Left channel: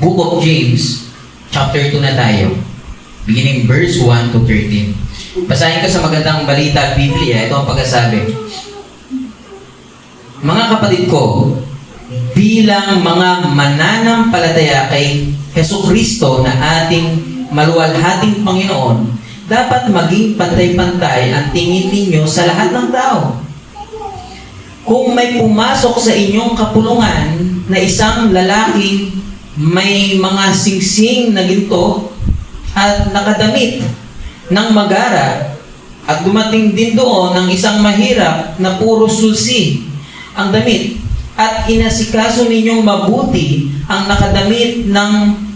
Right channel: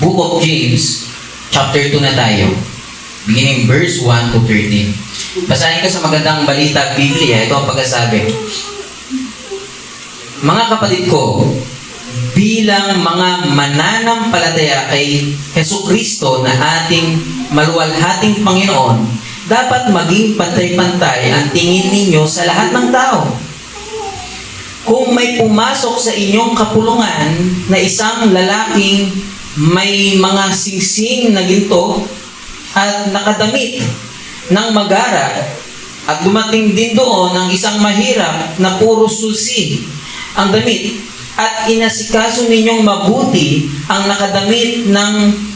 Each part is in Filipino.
Book of James, chapter 2 na tayo. Beginning verse 1 to 13. Basahin ko sa magandang balita, Biblia. Ito ang pagkasabi. Mga kapatid ko, bilang mga mananampalataya kay Jesucristo na ating maluwalhating Panginoon, dapat maging pantay-pantay ang tingin ninyo sa lahat ng tao. Kung may pumasok sa inyong kapulungan na isang lalaking may mga singsing na ginto at nakadamit ng magara at dumating din doon ng isang mahirap na puro sulsi ang damit at inasikaso ninyong mabuti ang nakadamit ng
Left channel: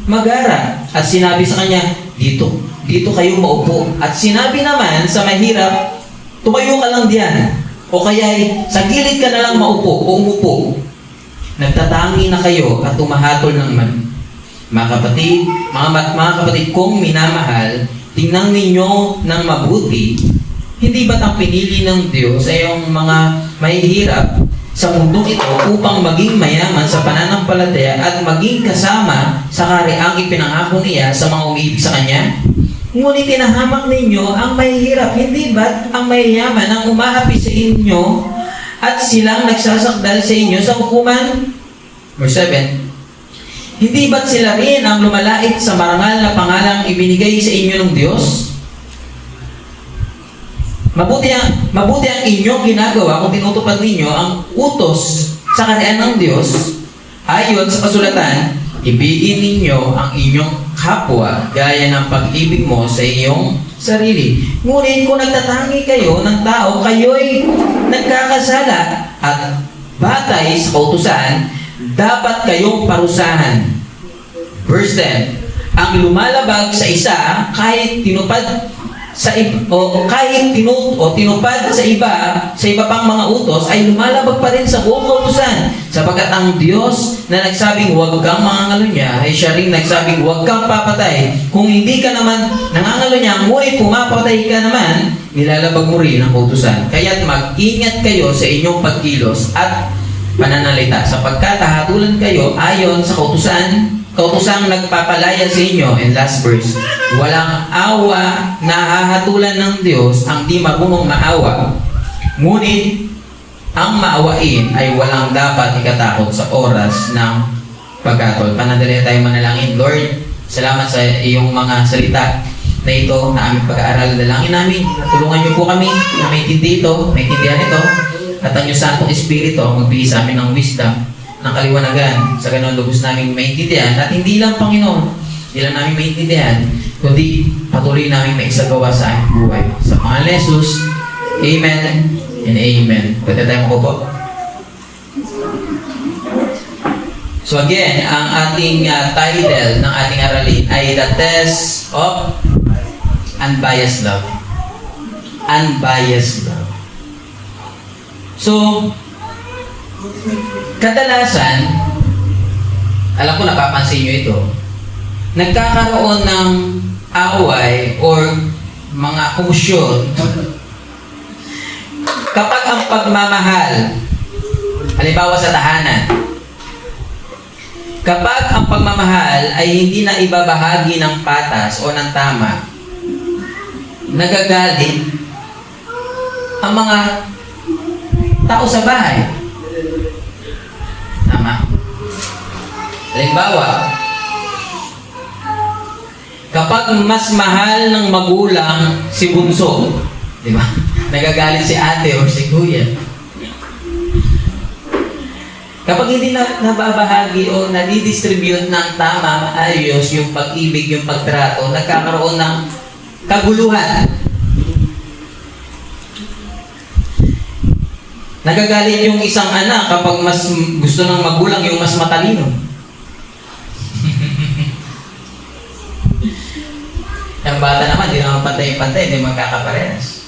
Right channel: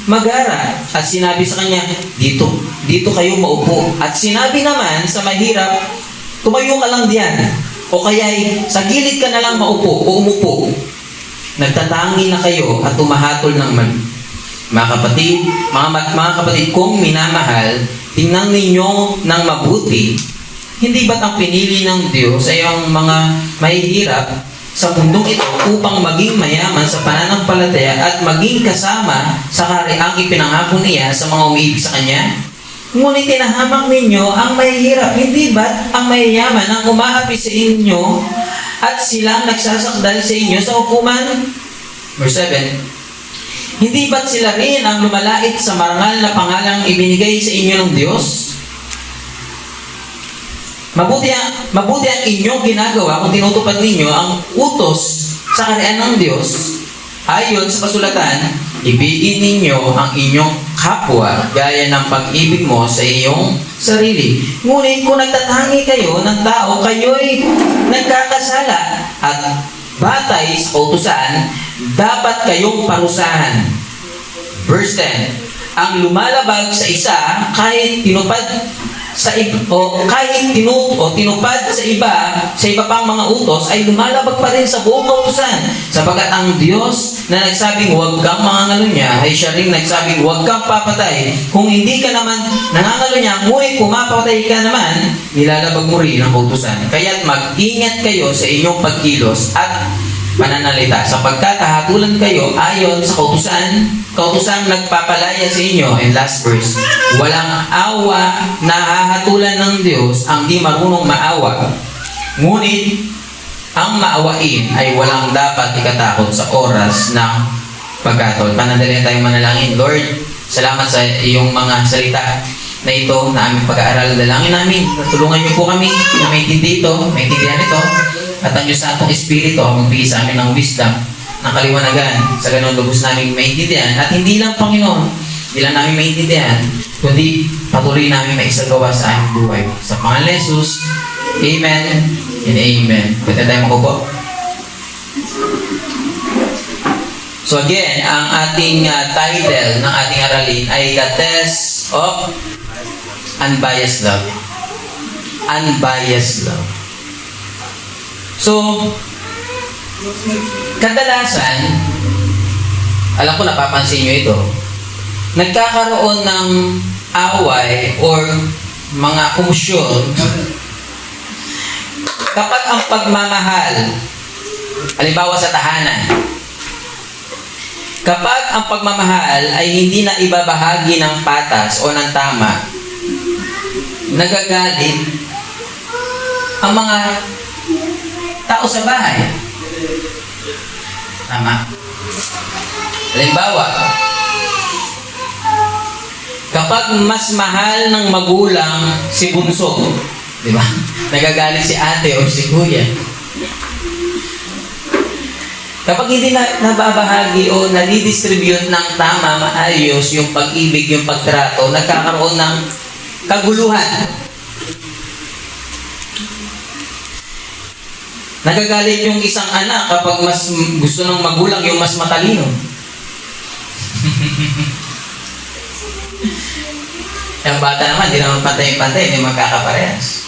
magara at sinabi sa kanya, dito kayo maupo. At sinabi naman sa mahirap, tumayo ka lang diyan o kaya sa gilid ka na lang maupo o umupo. Nagtatangi na kayo at tumahatol ng mali. Mga kapatid kong minamahal, tingnan ninyo ng mabuti. Hindi ba't ang pinili ng Diyos ay ang mga mahihirap sa mundong ito upang maging mayaman sa pananampalataya at maging kasama sa kariang ipinangako niya sa mga umiibig sa Kanya? Ngunit tinahamak ninyo ang mahihirap. Hindi ba't ang mayayaman ang umaapi sa inyo at silang nagsasakdal sa inyo sa hukuman? Verse 7. Hindi ba't sila rin ang lumalait sa marangal na pangalang ibinigay sa inyo ng Diyos? Mabuti ang inyong ginagawa kung tinutupad ninyo ang utos sa kaharian ng Diyos. Ayon sa kasulatan, ibigin ninyo ang inyong kapwa gaya ng pag-ibig mo sa iyong sarili. Ngunit kung nagtatangi kayo ng tao, kayo'y nagkakasala at batay sa kautusan, dapat kayong parusahan. Verse 10. Ang lumalabag sa isa kahit tinupad sa tinupad sa iba pang mga utos ay lumalabag pa rin sa buong kautusan, sapagkat ang Diyos na nagsabing huwag kang mangangalunya ay siya rin nagsabing huwag kang papatay. Kung hindi ka naman nangangalunya, ngunit pumapatay ka naman, nilalabag mo rin ang kautusan. Kaya't mag-ingat kayo sa inyong pagkilos at pananalita, sapagkat hahatulan kayo ayon sa kautusang nagpapalaya sa inyo. And last verse, walang awa na hahatulan ng Diyos ang di marunong maawa. Ngunit ang maawain ay walang dapat ikatakot sa oras ng pagkatol. Panandali tayo manalangin. Lord, salamat sa iyong mga salita na ito na aming pag-aaral. Dalangin namin, tulungan niyo po kami na maintindihan ito, at ang Diyos Santong Espiritu ang magbigay sa amin ng wisdom, ng kaliwanagan, sa ganun lubos namin maintindihan. At hindi lang, Panginoon, hindi lang namin maintindihan, kundi patuloy namin maisagawa sa aming buhay. Sa pangalan ni Jesus, Amen and Amen. Pwede tayo makupo. So again, ang ating title ng ating aralin ay The Test of Unbiased Love. Unbiased Love. So, kadalasan, alam ko napapansin nyo ito, nagkakaroon ng away or mga kumusyon kapag ang pagmamahal, halimbawa sa tahanan, kapag ang pagmamahal ay hindi na ibabahagi ng patas o ng tama, nagagalit ang mga tao sa bahay. Tama? Halimbawa, kapag mas mahal ng magulang si bunso, di ba? Nagagalit si ate o si kuya. Kapag hindi na nababahagi o nadidistribute ng tama, maayos yung pag-ibig, yung pagtrato, nagkakaroon ng kaguluhan. Nagagalit yung isang anak kapag mas gusto ng magulang yung mas matalino. Ang bata naman, di naman pantay-pantay, hindi magkakaparehas.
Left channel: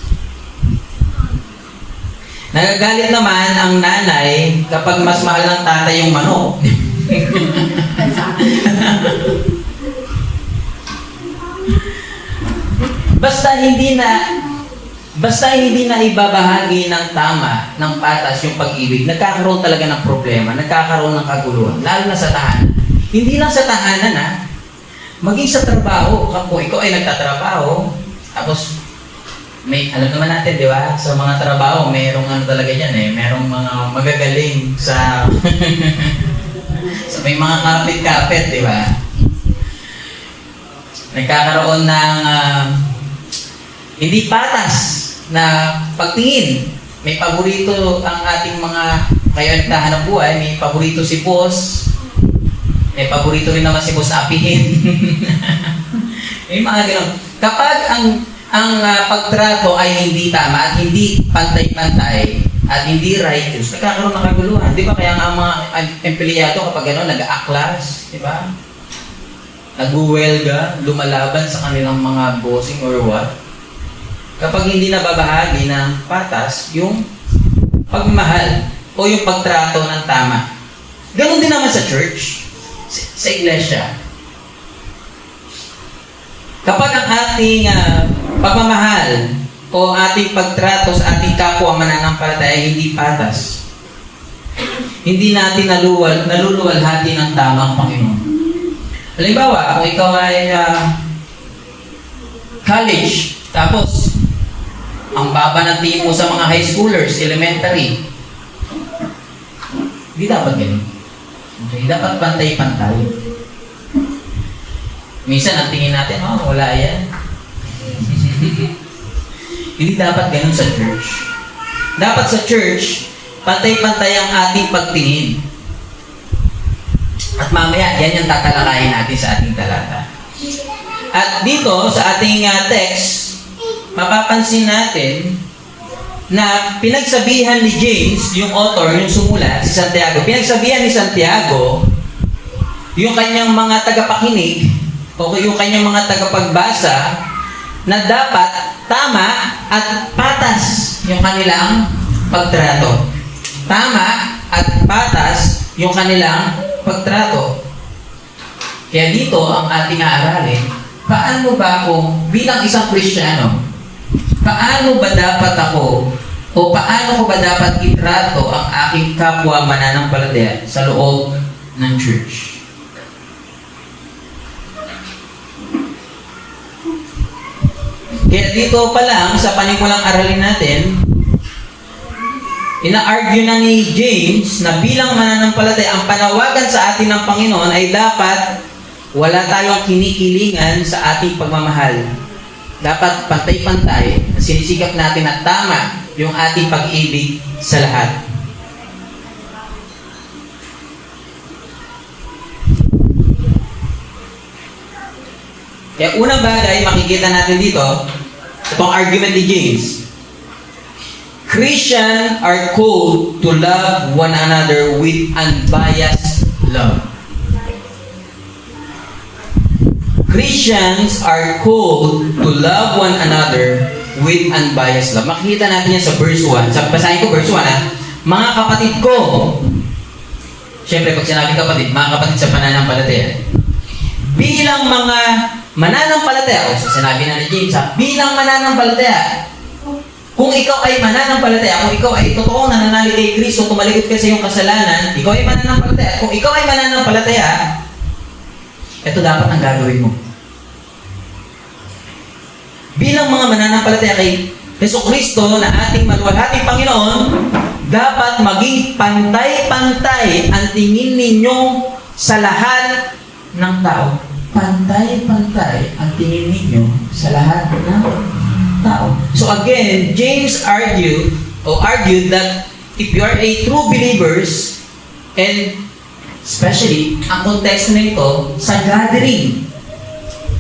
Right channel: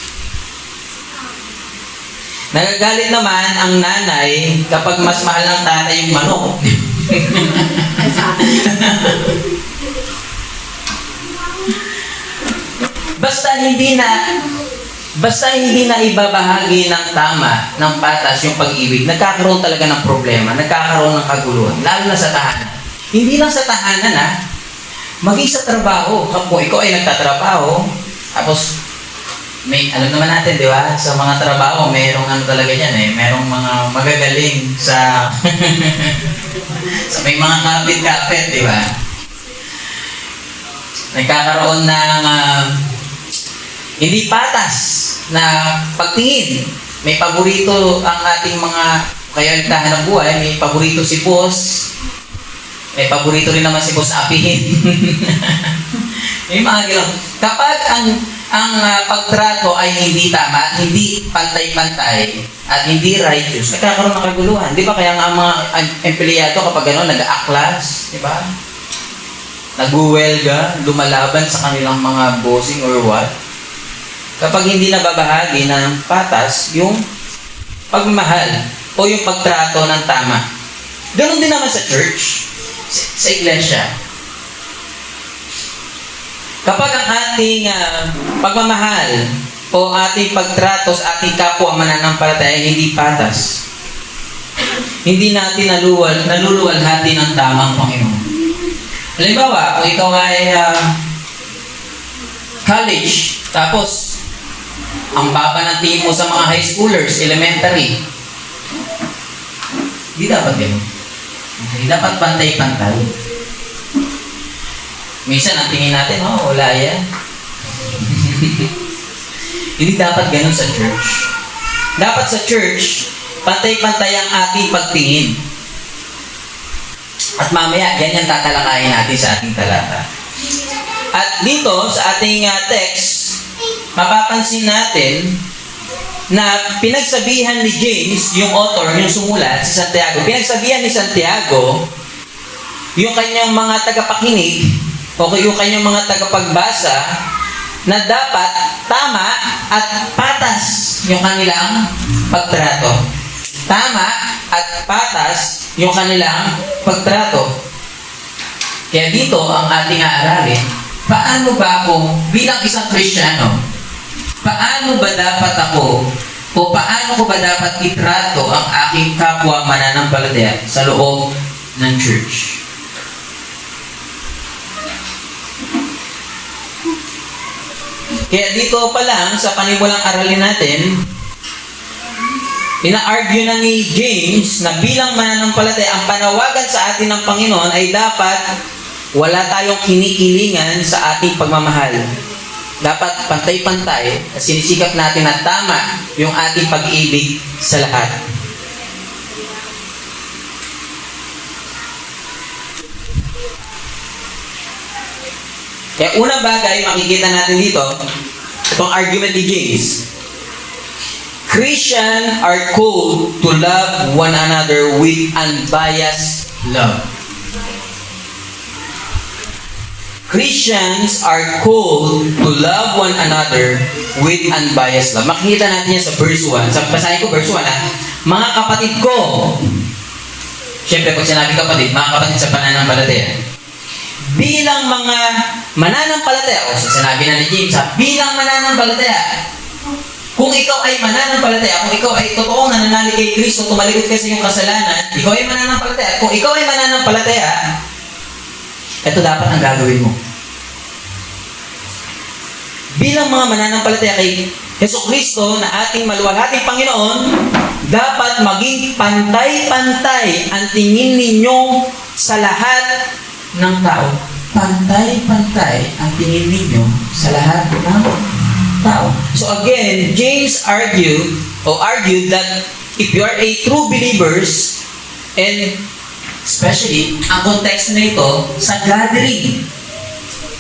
Nagagalit naman ang nanay kapag mas mahal ng tatay yung manok. Basta hindi na ibabahagi ng tama, ng patas yung pag-ibig, nagkakaroon talaga ng problema, nagkakaroon ng kaguluhan, lalo na sa tahanan. Hindi lang sa tahanan maging sa trabaho. Kung ikaw ay nagtatrabaho, tapos may, alam naman natin, di ba? Sa mga trabaho, merong ano talaga yan merong mga magagaling sa sa may mga kapit-kapit, di ba? Nagkakaroon ng hindi patas na pagtingin. May paborito ang ating mga kaya nagtahanap buhay, may paborito si boss, may paborito rin naman si boss na apihin. May mga gano'n. Kapag ang pagtrato ay hindi tama at hindi pantay-pantay at hindi righteous, nagkakaroon ng kaguluhan. Di ba? Kaya nga ang mga empleyado kapag gano'n, nag-aaklas, di ba? Nag-uwelga, lumalaban sa kanilang mga bossing or what. Kapag hindi nababahagi ng patas, yung pagmamahal o yung pagtrato ng tama. Ganon din naman sa church, sa iglesia. Kapag ang ating pagmamahal o ating pagtrato sa ating kapwa mananampalataya hindi patas, hindi natin naluluwalhati ng tamang Panginoon. Halimbawa, kung ikaw ay college, tapos ang baba ng tingin mo sa mga high schoolers, elementary, hindi dapat ganun. Okay, dapat pantay-pantay. Minsan, ang tingin natin, wala yan. Hindi dapat ganun sa church. Dapat sa church, pantay-pantay ang ating pagtingin. At mamaya, yan yung tatalakayin natin sa ating talata. At dito, sa ating text, mapapansin natin na pinagsabihan ni James, yung author, yung sumulat, si Santiago, pinagsabihan ni Santiago, yung kanyang mga tagapakinig, o yung kanyang mga tagapagbasa, na dapat tama at patas yung kanilang pagtrato. Tama at patas yung kanilang pagtrato. Kaya dito ang ating aaralin, paano ba kung bilang isang Kristiyano, paano ba dapat ako o paano ko ba dapat itrato ang aking kapwa mananampalataya sa loob ng church? Kaya dito pa lang sa panimulang aralin natin, ina-argue na ni James na bilang mananampalataya, ang panawagan sa atin ng Panginoon ay dapat wala tayong kinikilingan sa ating pagmamahal. Dapat pantay-pantay at sinisikap natin na tama yung ating pag-ibig sa lahat. Kaya unang bagay, makikita natin dito, itong argument ni James. Christians are called to love one another with unbiased love. Christians are called to love one another with unbiased love. Makikita natin yan sa verse 1. Basahin ko verse 1 Mga kapatid ko. Siyempre, pag sinabi kapatid, mga kapatid sa pananampalataya. Bilang mga mananampalataya, o sinabi na ni James, bilang mananampalataya, kung ikaw ay mananampalataya, kung ikaw ay totoong nananalig kay Kristo, tumalikod ka sa iyong kasalanan, ikaw ay mananampalataya. Kung ikaw ay mananampalataya, ito dapat ang gagawin mo. Bilang mga mananampalataya kay Jesucristo na ating maluwalhating Panginoon, dapat maging pantay-pantay ang tingin ninyo sa lahat ng tao. Pantay-pantay ang tingin ninyo sa lahat ng tao. So again, James argued that if you are a true believers, and especially, ang konteksto na ito, sa gathering.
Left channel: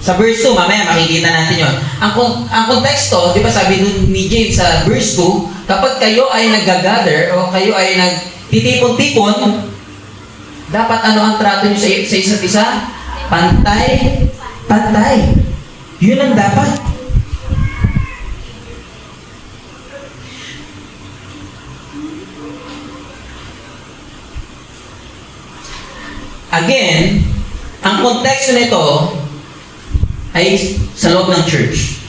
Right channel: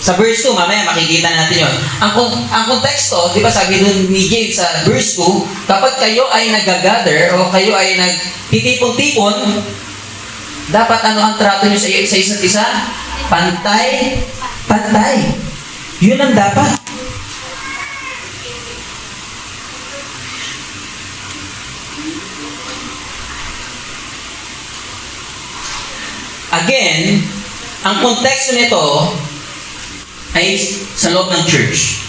Sa verse 2, mamaya makikita natin yun. Ang konteksto, di ba sabi dun ni James sa verse 2, kapag kayo ay nag-gather o kayo ay nagtitipon-tipon, dapat ano ang trato nyo sa isa't isa? Pantay. Yun ang dapat. Again, ang konteksto nito ay sa loob ng church.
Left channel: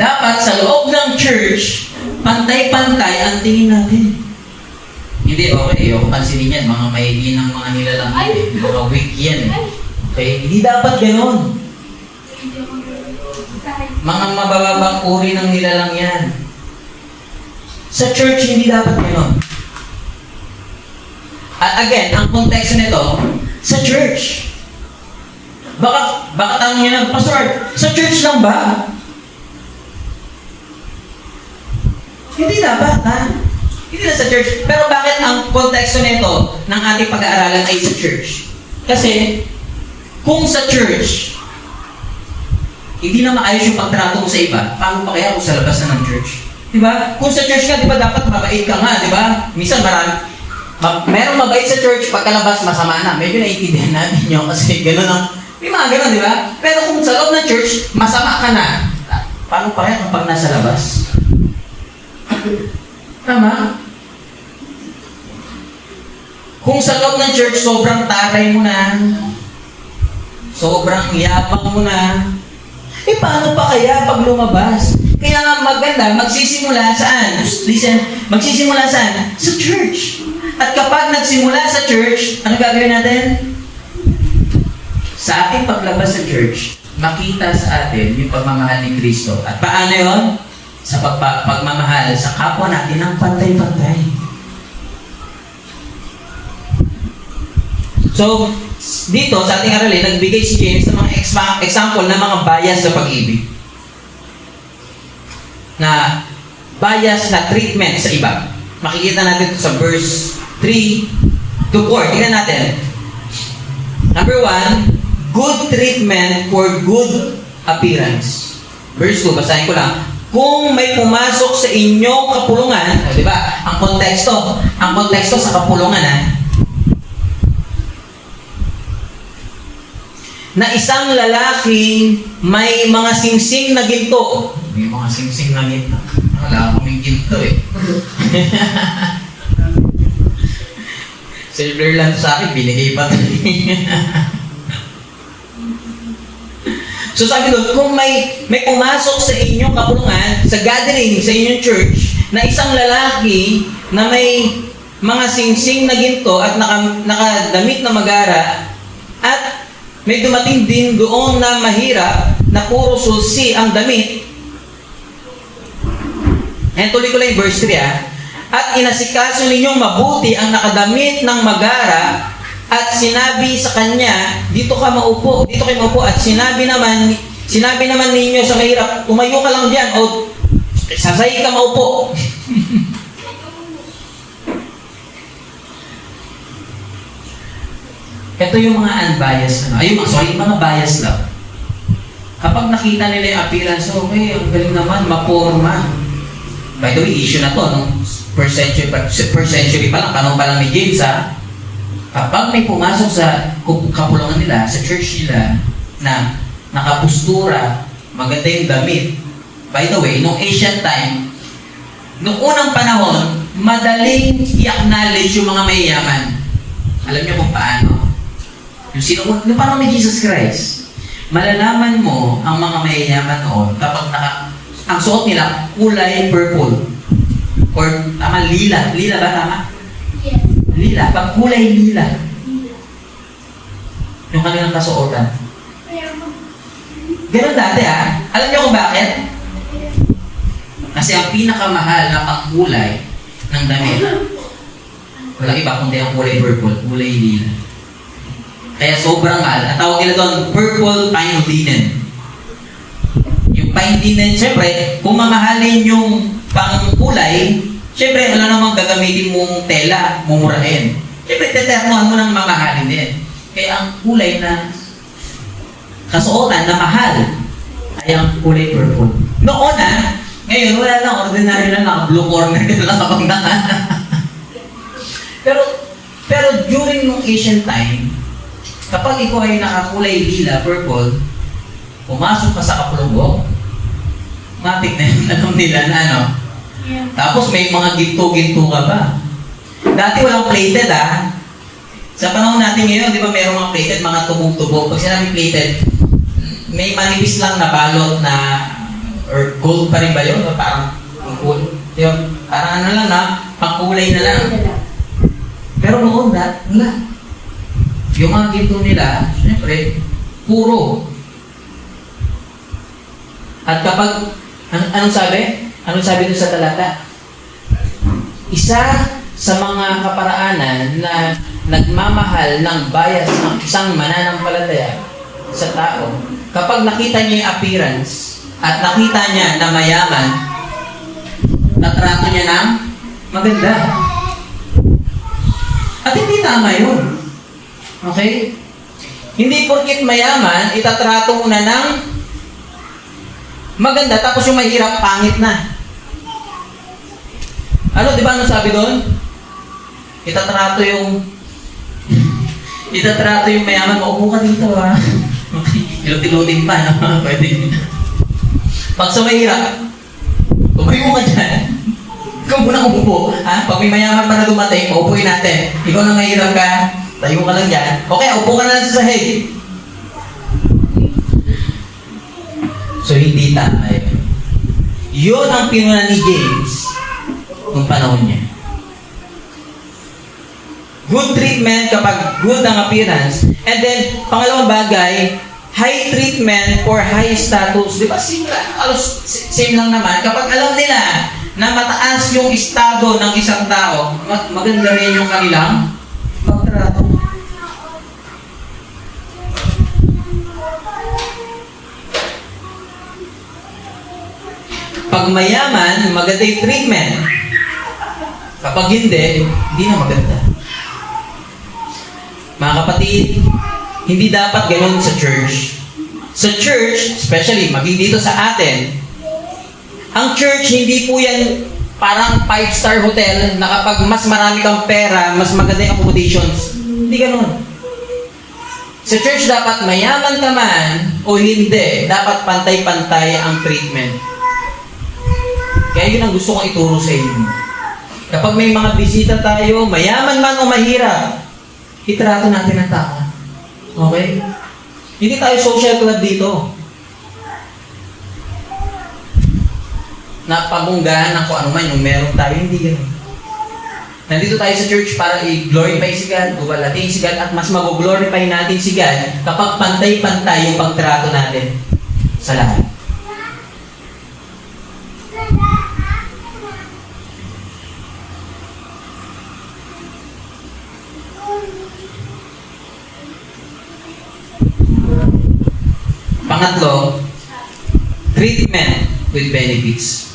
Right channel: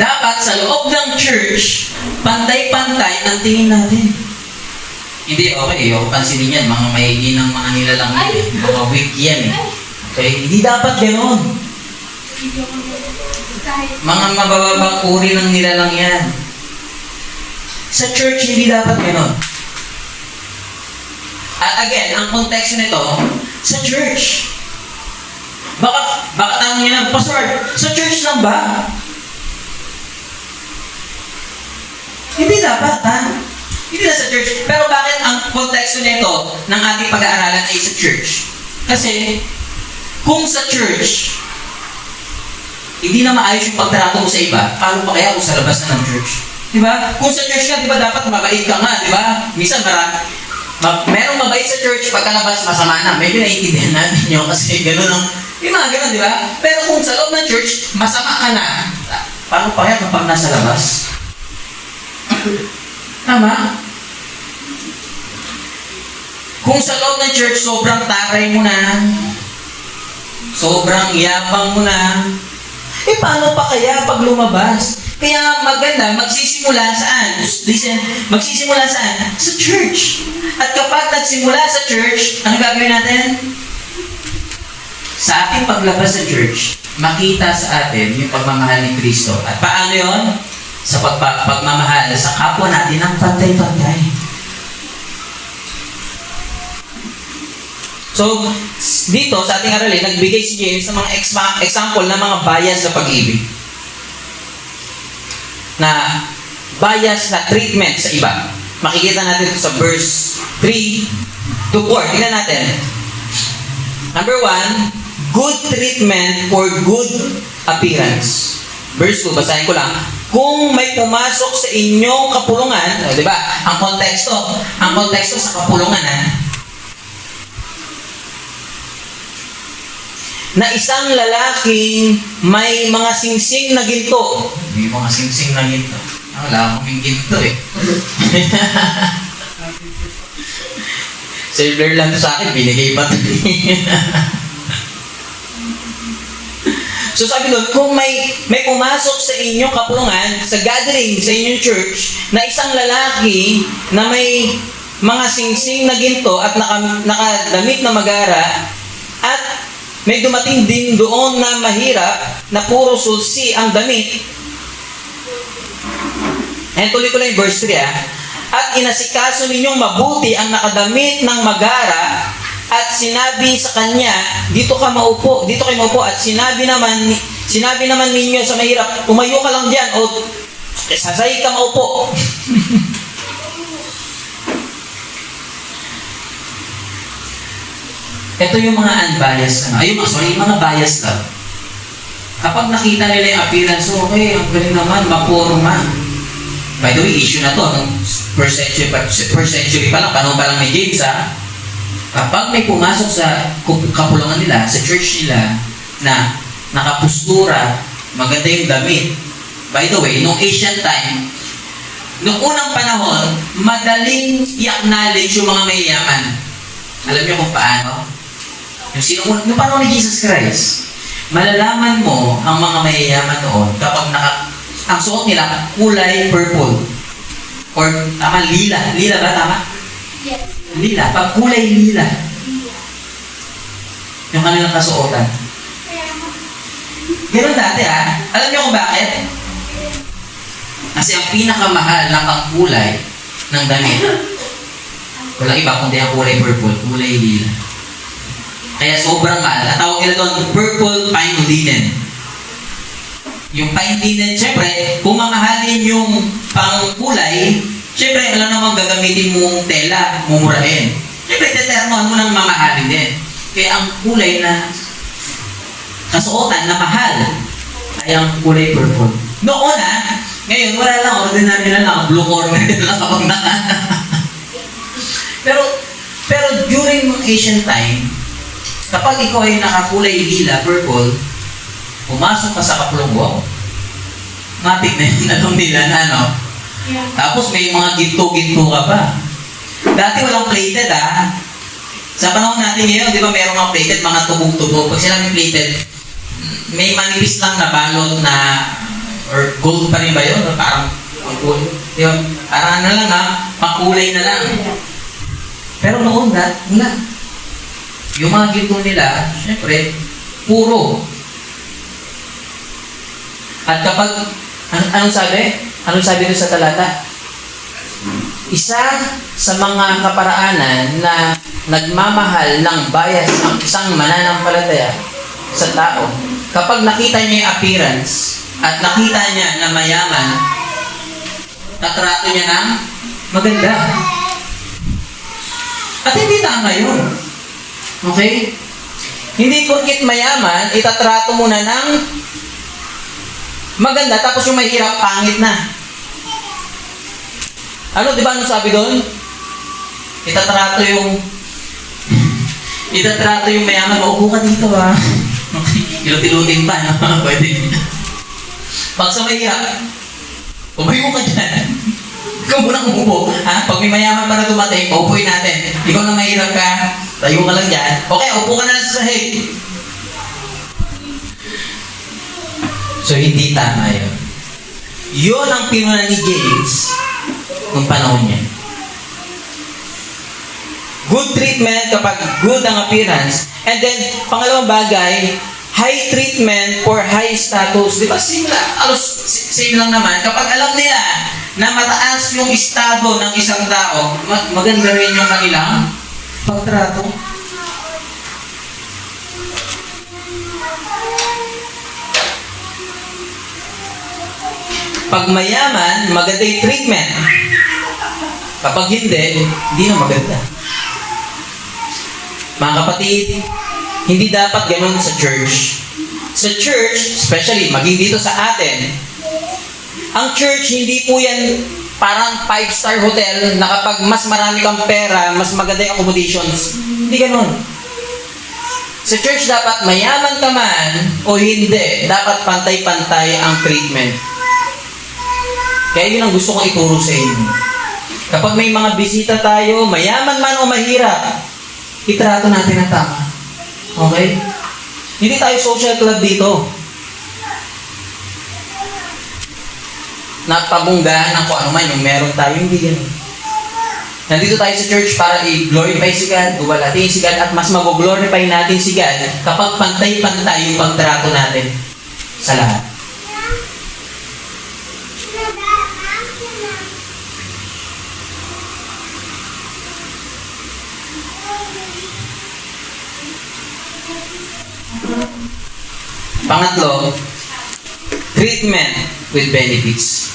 Dapat sa loob ng church, pantay-pantay ang tingin natin. Hindi, okay. O, pansinin yan. Mga maigi ng mga nilalang yan eh. Mga weak yan eh. Okay? Hindi dapat ganon. Mga mabababang uri ng nilalang yan. Sa church, hindi dapat ganon. At again, ang konteksto nito, sa church. Baka tanong niya na, Pastor, sa church lang ba? Hindi dapat, ha? Hindi na sa church. Pero bakit ang konteksto nito ng ating pag-aaralan ay sa church? Kasi, kung sa church, hindi na maayos yung pagtrato mo sa iba, paano pa kaya kung sa labas na ng church? Diba? Kung sa church ka, diba dapat mabait ka nga, diba? Minsan merong mabait sa church, pagkalabas masama na. Medyo naiintindihan natin nyo kasi gano'n ang, may mga gano'n, diba? Pero kung sa loob ng church, masama ka na. Paano pa kaya kapag nasa labas? Tama? Kung sa loob ng church, sobrang taray mo na, sobrang yabang mo na, paano pa kaya pag lumabas? Kaya nga maganda, magsisimula saan? Listen, magsisimula saan? Sa church. At kapag nagsimula sa church, ano gagawin natin? Sa ating paglabas sa church, makita sa atin yung pagmamahal ni Kristo. At paano yon? Sa pagmamahal sa kapwa natin ng pantay-pantay. So, dito sa ating aralin, nagbigay si James ng mga example ng mga bias sa pag-ibig. Na bias na treatment sa iba. Makikita natin ito sa verse 3 to 4. Tingnan natin. Number 1, good treatment for good appearance. Verse 2, basahin ko lang. Kung may pumasok sa inyong kapulungan, di ba? Ang konteksto sa kapulungan, na isang lalaking may mga singsing na ginto. May mga singsing na ginto. Wala akong may ginto eh. Silver lang sa akin, binigay pa ito. So sabi doon, kung may pumasok sa inyong kapulungan, sa gathering, sa inyong church, na isang lalaki na may mga singsing na ginto at nakadamit na magara, at may dumating din doon na mahirap, na puro sulsi ang damit. And tuloy ko lang yung verse 3 At inasikaso ninyong mabuti ang nakadamit ng magara, at sinabi sa kanya, dito kayo maupo, at sinabi naman ninyo sa mahirap, tumayo ka lang diyan, o sasay ka maupo. Ito yung mga unbiased, mga biased lang. Kapag nakita nila yung appearance, okay, ang galing naman, mapurma. By the way, issue na to, nung first century pa lang, panahon pa lang ni James, kapag may pumasok sa kapulungan nila, sa church nila, na nakapustura, maganda yung damit. By the way, nung ancient time, nung unang panahon, madaling i-acknowledge yung mga mayayaman. Alam niyo kung paano? Yung panahon ni Jesus Christ, malalaman mo ang mga mayayaman noon kapag ang suot nila kulay purple. Or tama, lila. Lila ba tama? Yes. Lila. Pag kulay lila. Yung kanilang kasuotan. Ganun dati Alam niyo kung bakit? Kasi ang pinakamahal na pangkulay ng damit, walang iba kundi ang kulay purple, kulay lila. Kaya sobrang mahal. At tawag nila doon, purple pine linen. Yung pine linen, syempre, kung mamahalin yung pangkulay, syempre, alam namang gagamitin mong tela, mumurahin. Syempre, determinan mo ng mamahalin din. Kaya ang kulay na kasuotan na mahal ay ang kulay purple. Noon ngayon, wala lang, ordinary lang, blue corner lang kapag pero during ancient time, kapag ikaw ay nakakulay lila, purple, pumasok ka sa kapulungan, matik na yung alam nila na Yeah. Tapos may mga ginto-ginto ka pa. Dati walang plated Sa panahon natin ngayon, di ba merong mga plated, mga tubog-tubog. Pag sinabing plated, may manipis lang na balot na, or gold pa rin ba yun? Parang gold. Di ba? Parang pangkulay na lang. Pero noon, wala. Yung mga ginto nila, syempre, puro. At kapag, anong sabi? Anong sabi doon sa talata? Isa sa mga kaparaanan na nagmamahal ng bias ng isang mananampalataya sa tao, kapag nakita niya yung appearance at nakita niya na mayaman, natrato niya ng maganda. At hindi tama yun. Okay? Hindi porkit mayaman, itatrato mo na ng maganda, tapos yung mahirap, pangit na. Ano, di ba anong sabi doon? Itatrato yung mayaman, maupo ka dito ah. Ilutin-lutin pa, no? Pwede. Pag sa mahirap, umayo ka dyan. Ikaw muna umupo. Ha? Pag may mayaman pa na dumating, paupuin natin. Ikaw na mahirap ka, tayo ka lang dyan. Okay, upo ka na lang sa sahig. So, hindi tama yun. Yun ang pinunan ni James nung panahon niya. Good treatment kapag good ang appearance. And then, pangalawang bagay, high treatment for high status. Di ba same lang naman. Kapag alam nila na mataas yung estado ng isang tao, maganda rin yung kanilang pagtrato. Pag mayaman, maganda yung treatment. Kapag hindi na maganda. Mga kapatid, hindi dapat ganun sa church. Sa church, especially, maging dito sa atin, ang church, hindi po yan parang 5-star hotel na kapag mas marami kang pera, mas maganda yung accommodations. Hindi ganun. Sa church, dapat mayaman ka man o hindi, dapat pantay-pantay ang treatment. Kaya yun ang gusto kong ituro sa inyo. Kapag may mga bisita tayo, mayaman man o mahirap, itrato natin ang tama. Okay? Hindi tayo social club dito. Napabunggahan ng kung ano man yung meron tayo, hindi ganun. Nandito tayo sa church para i-glorify si God, guwalatin si God, at mas mag-glorify natin si God kapag pantay-pantay yung pagtrato natin sa lahat. Pangatlo, treatment with benefits.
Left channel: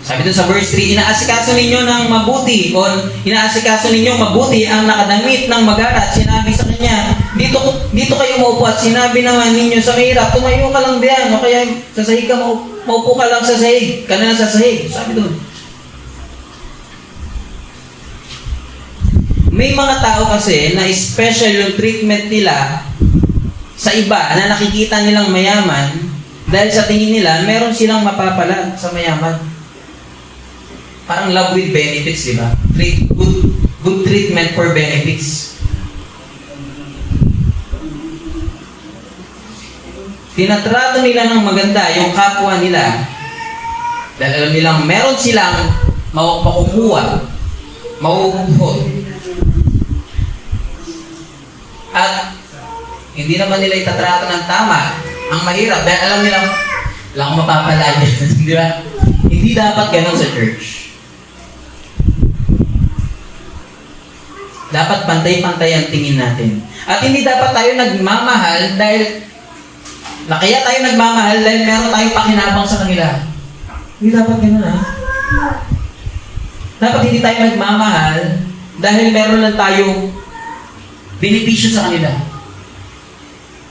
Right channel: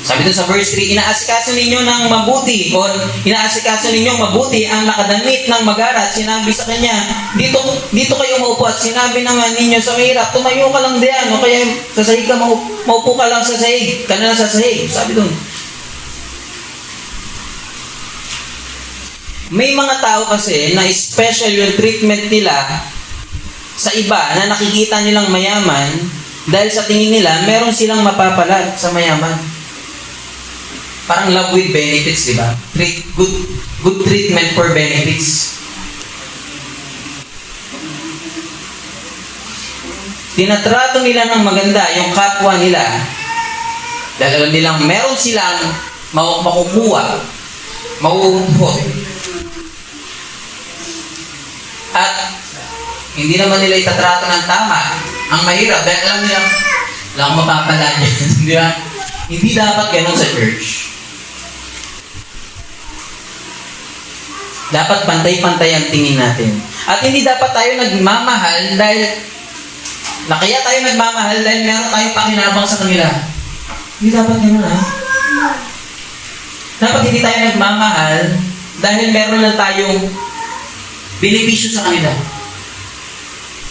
Sabi doon sa verse 3, inaasikaso ninyo ng mabuti o inaasikaso ninyo mabuti ang nakadamit ng magarat. Sinabi sa kanya, dito kayo maupo, at sinabi naman ninyo sa mahirap, tumayo ka lang diyan o kaya sa sahig ka, maupo ka lang sa sahig, ka na lang sa sahig. Sabi doon. May mga tao kasi na special yung treatment nila sa iba na nakikita nilang mayaman dahil sa tingin nila meron silang mapapala sa mayaman. Parang love with benefits, di ba? Good treatment for benefits. Tinatrato nila ng maganda yung kapwa nila dahil alam nilang meron silang makukuha, mauumpot. At hindi naman nila itatrato ng tama ang mahirap dahil alam nila wala akong mapapala dyan. Di ba? Hindi dapat ganun sa church. Dapat pantay-pantay ang tingin natin. At hindi dapat tayo nagmamahal dahil kaya tayo nagmamahal dahil meron tayong pakinabang sa kanila. Hindi dapat ganun, ha? Dapat hindi tayo nagmamahal dahil meron lang tayong benepisyo sa kanila.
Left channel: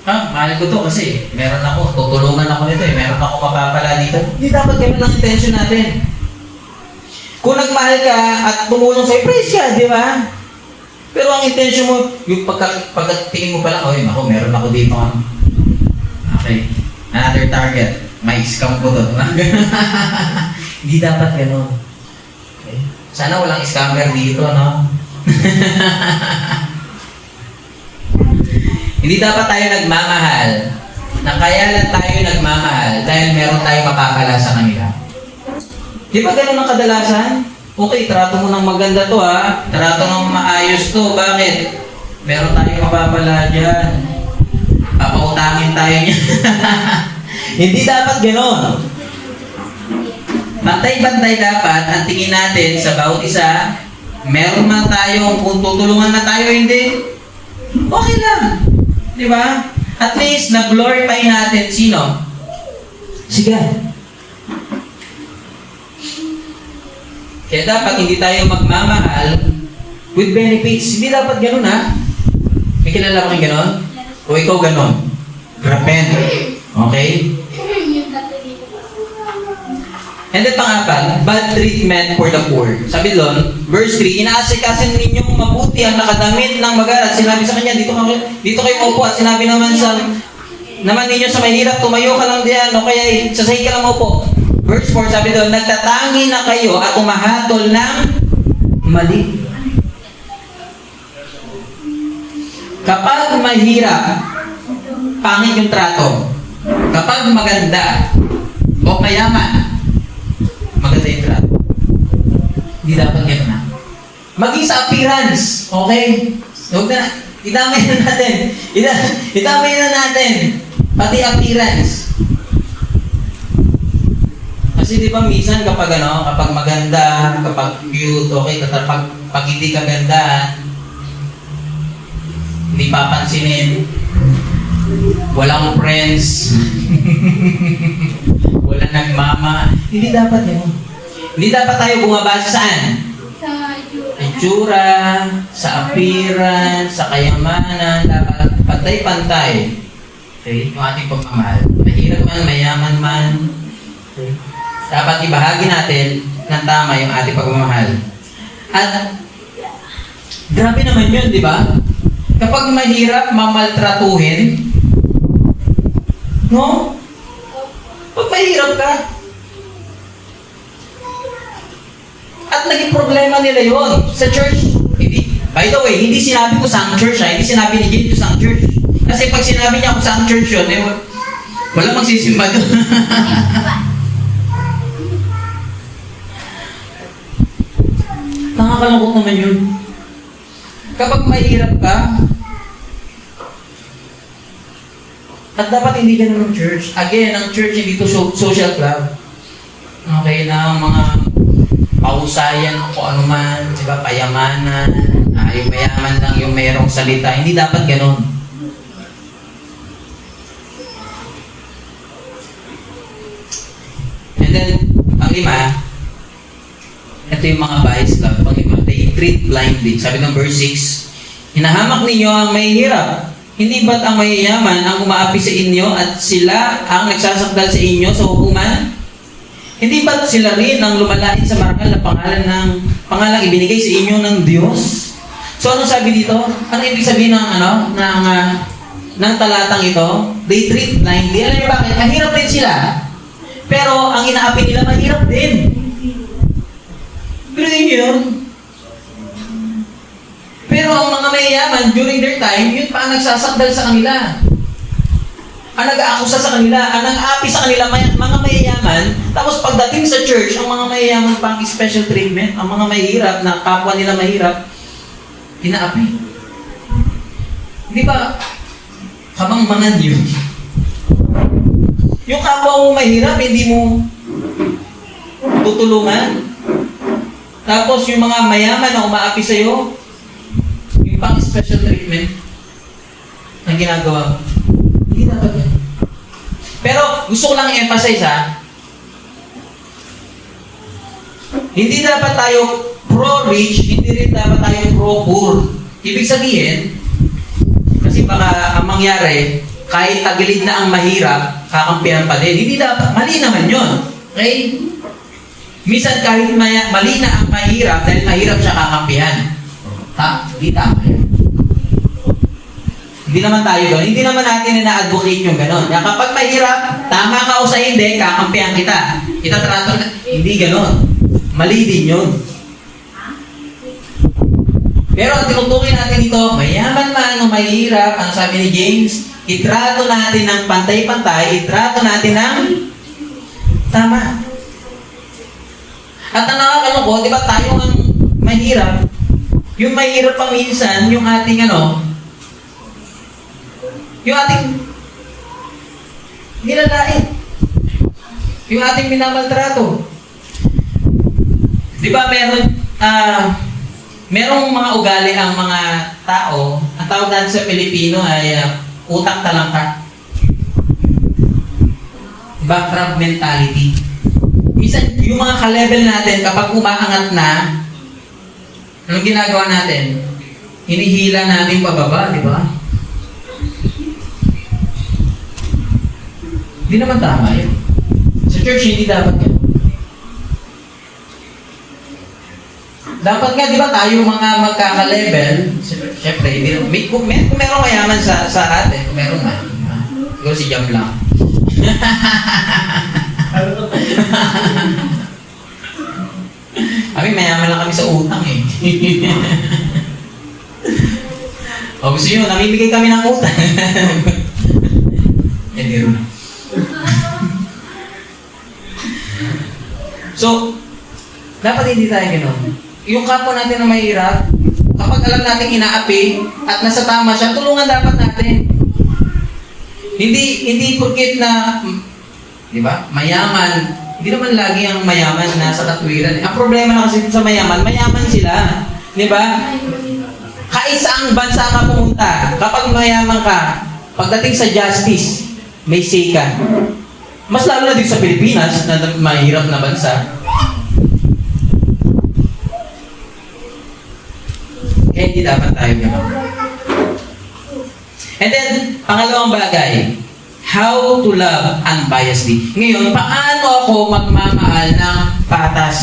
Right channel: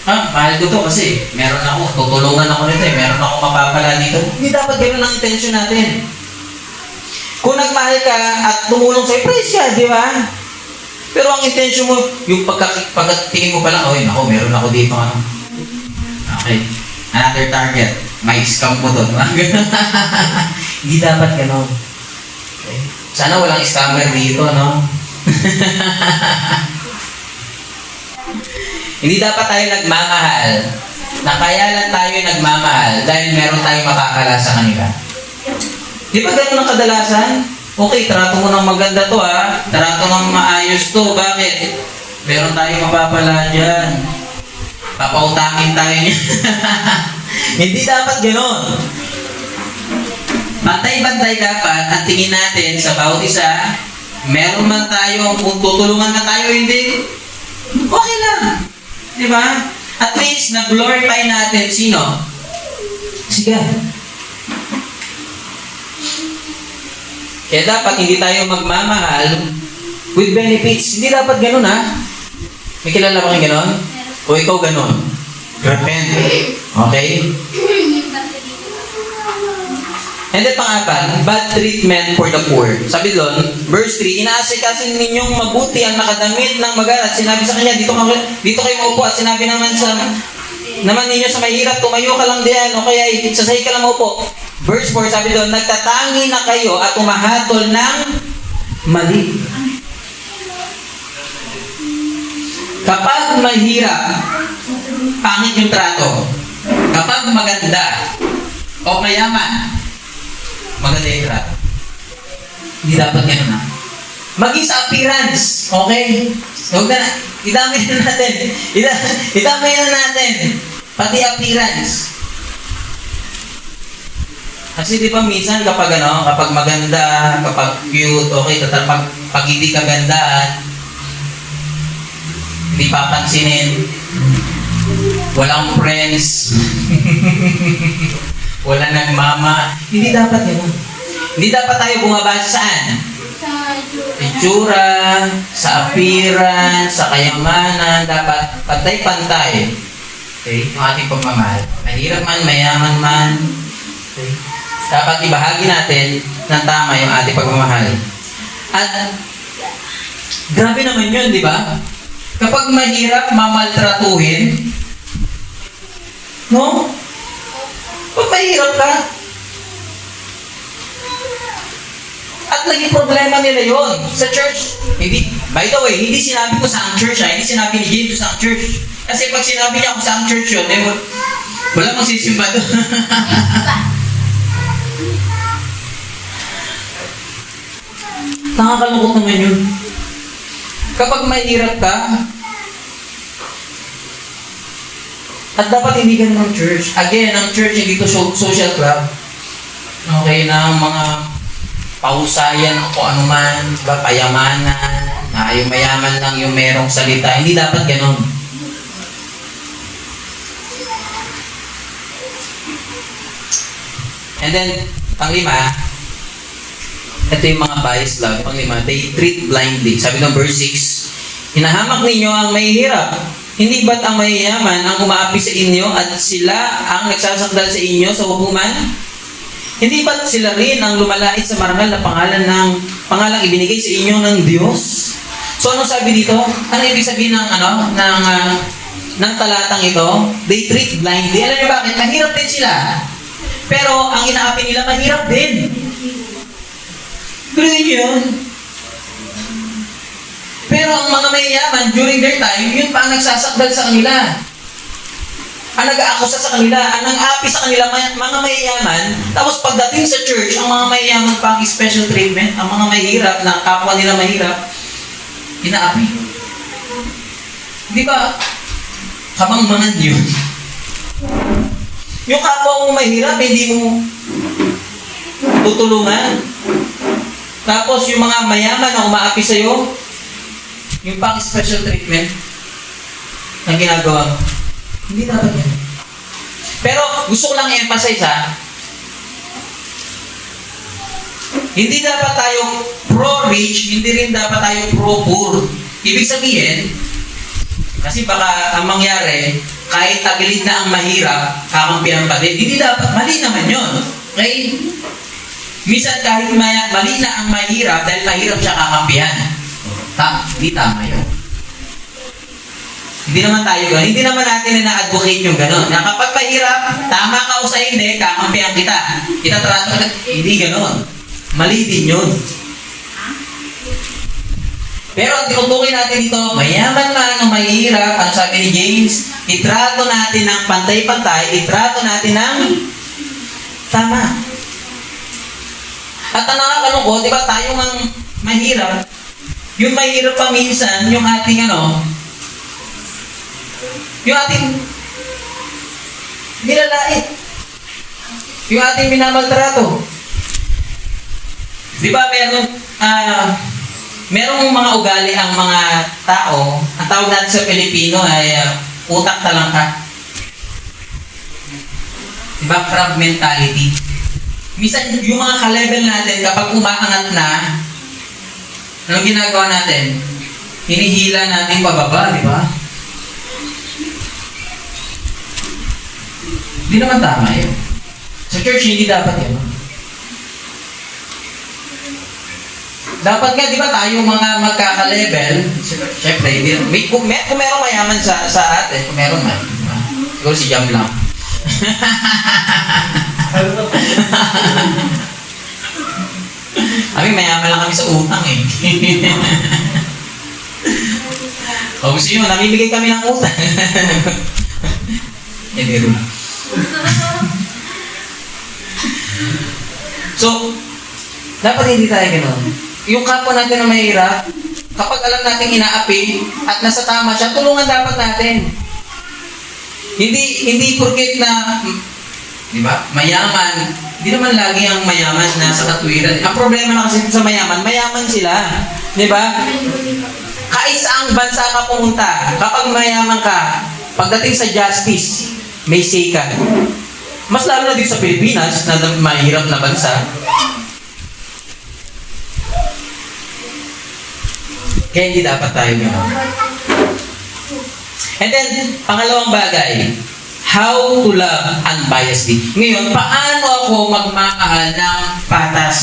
Mahal ko to kasi meron ako, tutulungan ako nito meron ako mapapala dito. Hindi dapat ganun ang intention natin. Kung nagmahal ka at tumulong sa'yo, praise ka, di ba? Pero ang intention mo, yung pagkatingin mo pa lang, ako, meron ako dito, ano. Okay, another target, may scam ko to. Hindi dapat ganun. Okay? Sana walang scammer dito, no? Hindi dapat tayo nagmamahal na kaya lang tayo nagmamahal dahil meron tayong mapapala sa kanila. Di ba ganun ang kadalasan? Okay, trato mo ng maganda to ha. Trato ng maayos to. Bakit? Meron tayong mapapala dyan. Papautangin tayo niya. Hindi dapat ganon. Bantay-bantay dapat ang tingin natin sa bawat isa. Meron man tayo, kung tutulungan na tayo, hindi. Okay lang. Di ba? At least, nag-glorify natin sino? Si God. Kaya dapat hindi tayo magmamahal with benefits. Hindi dapat ganun ha. May kilala ba kayong ganun? O ikaw ganun? Repent. Okay? And then pang-apat, bad treatment for the poor. Sabi doon, verse 3, inaasikasin ninyong mabuti ang nakadamit ng mag-aral. Sinabi sa kanya, dito kayo maupo. At sinabi naman ninyo sa mahirap, tumayo ka lang diyan o kaya sasahi ka lang maupo. Verse 4, sabi doon, nagtatangi na kayo at umahatol ng mali. Kapag mahirap, pangit yung trato. Kapag maganda o mayaman, maganda yung trato. Hindi dapat yan na. Maging sa appearance, okay? Huwag na, itamay na natin. Itamay na natin. Pati appearance. Kasi di ba minsan kapag maganda, kapag cute, okay, pag hindi ka ganda, hindi papansinin, walang friends, walang nagmama, hindi dapat yun. Hindi dapat tayo bumabasa saan? Itsura, sa appearance, sa kayamanan, dapat pantay-pantay. Okay? Yung ating pagmamahal. Mahirap man, mayaman man. Okay? Dapat ibahagi natin ng tama yung ating pagmamahal. At grabe naman yun, di ba? Kapag mahirap mamaltratuhin, no? Pag mahirap ka, at naging problema nila yun sa church. Hindi, by the way, hindi sinabi ko sa church, hindi sinabi ni Jesus sa church. Kasi pag sinabi niya ako sa church yun, wala magsisimba doon. Nakakalungkot naman yun. Kapag mahirap ka, at dapat hindi ganun ng church. Again, ang church hindi to social club. Okay na mga pausayan o kung ano man, diba, payamanan, yung mayaman lang yung merong salita. Hindi dapat ganun. And then, pang-lima, ito yung mga bias love. Pang-lima, they treat blindly. Sabi ng verse 6, hinahamak ninyo ang mahihirap. Hindi ba't ang mayayaman ang umaapi sa inyo at sila ang nagsasakdal sa inyo sa hukuman? Hindi ba't sila rin ang lumalait sa marangal na pangalang ibinigay sa inyo ng Diyos? So ano sabi dito? Ano ibig sabihin ng talatang ito? They treat blindly. Alam niyo bakit? Mahirap din sila. Pero ang inaapi nila mahirap din. Pero din yun. Pero ang mga mayayaman, during their time, yun pa ang nagsasakdal sa kanila. Ang nag-aakusa sa kanila, ang nang-aapi sa kanila, mga mayayaman. Tapos pagdating sa church, ang mga mayayaman pang special treatment, ang mga mahirap, na kapwa nila mahirap, inaapi. Hindi ba, kabangbangan yun? Yung kapwa mo mahirap, hindi mo tutulungan. Tapos yung mga mayaman na umaapi sa'yo, yung pang special treatment na ginagawa mo. Hindi dapat yan. Pero gusto ko lang i-emphasize hindi dapat tayo pro-rich, hindi rin dapat tayo pro-poor. Ibig sabihin, kasi baka ang mangyari, kahit tagilid na ang mahirap, kakampihan pa din. Hindi dapat, mali naman yun. Okay? Minsan kahit mali na ang mahirap, dahil mahirap siya kakampihan. Hindi tama yun. Hindi naman tayo gano'n. Hindi naman natin na-advocate yung gano'n. Na kapag mahirap, tama ka o sa hindi, kakampihan kita. Itatrato kita. Hindi gano'n. Mali din yun. Pero ang tinutukoy natin dito, mayaman man o mahirap, ano sabi ni James, itrato natin ng pantay-pantay, itrato natin ng tama. At ang nakakalungkot, di ba tayo ang mahirap? Yung mahirap pa minsan, yung ating yung ating nilalait. Yung ating minamaltrato. Di ba merong mga ugali ang mga tao, ang tawag natin sa Pilipino ay utak talangka. Di ba? Crab mentality. Minsan, yung mga ka-level natin, kapag umaangat na, ano ginagawa natin? Hinihila natin pababa, di ba? Hindi naman tama yun. Sa church, hindi dapat yun. Dapat nga, di ba, tayo mga magkaka-level, syempre, kung meron mayaman sa atin, kung meron man, siguro si Jam lang. Kami, mayaman lang kami sa utang eh. O gusto nyo, namimigay kami ng utang. Hindi rin. So, dapat hindi tayo gano'n. Yung kapwa natin na mahirap, kapag alam natin inaapi at nasa tama siya, tulungan dapat natin. Hindi porket na, di ba, mayaman, hindi naman lagi ang mayaman nasa katwiran. Ang problema na kasi sa mayaman sila. Di ba? Kahit saang bansa ka pumunta, kapag mayaman ka, pagdating sa justice, may say ka. Mas lalo na din sa Pilipinas, na mahirap na bansa. Kaya hindi dapat tayo gano'n. And then, pangalawang bagay, how to love unbiasedly. Ngayon, paano ako magmamahal ng patas?